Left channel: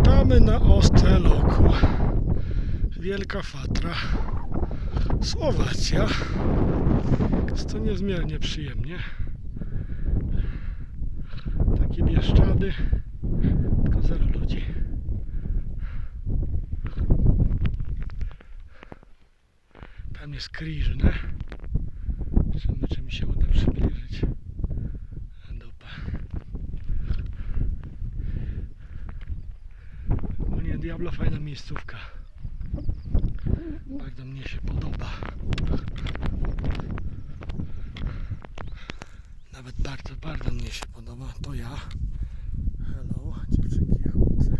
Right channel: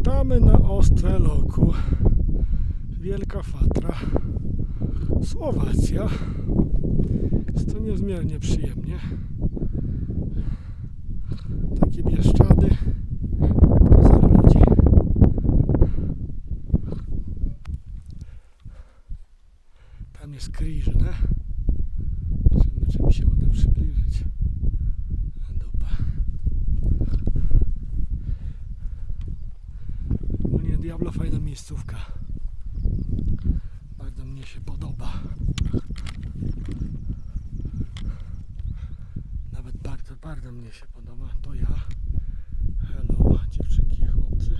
Witamy na Osteloku. Wielka Fatra. Słowacja. Jest to niezmiernie przyjemnie. Takie bieszczady. Tam jest Kriżne. Zobaczymy, czy mi się uda Diablo fajna miejscówka. Bardzo mnie się podoba. Nawet bardzo, bardzo mnie się podoba. To ja. Hello, dziewczynki chłopcy.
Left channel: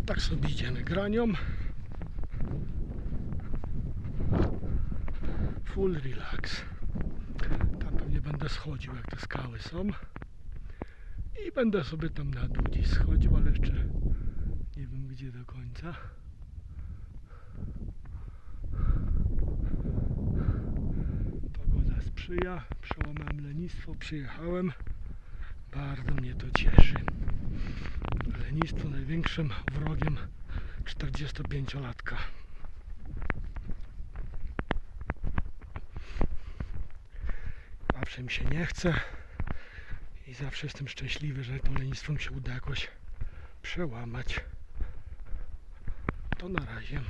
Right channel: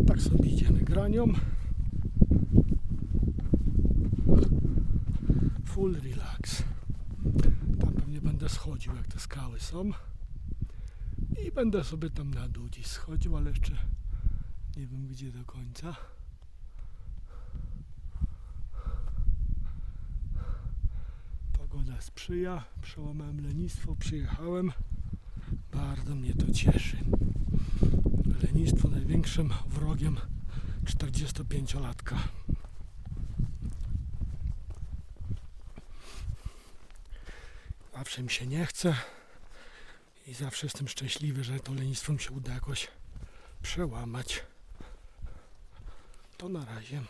I tak sobie idziemy granią. Full relax. Będę schodził, jak te skały są. I będę sobie tam na dół gdzieś schodził, ale jeszcze nie wiem gdzie do końca. Pogoda sprzyja, przełamałem lenistwo, przyjechałem. Bardzo mnie to cieszy. Lenistwo największym wrogiem 45-latka. Zawsze mi się nie chce i zawsze jestem szczęśliwy, że to lenistwo mi się uda jakoś przełamać. To na razie.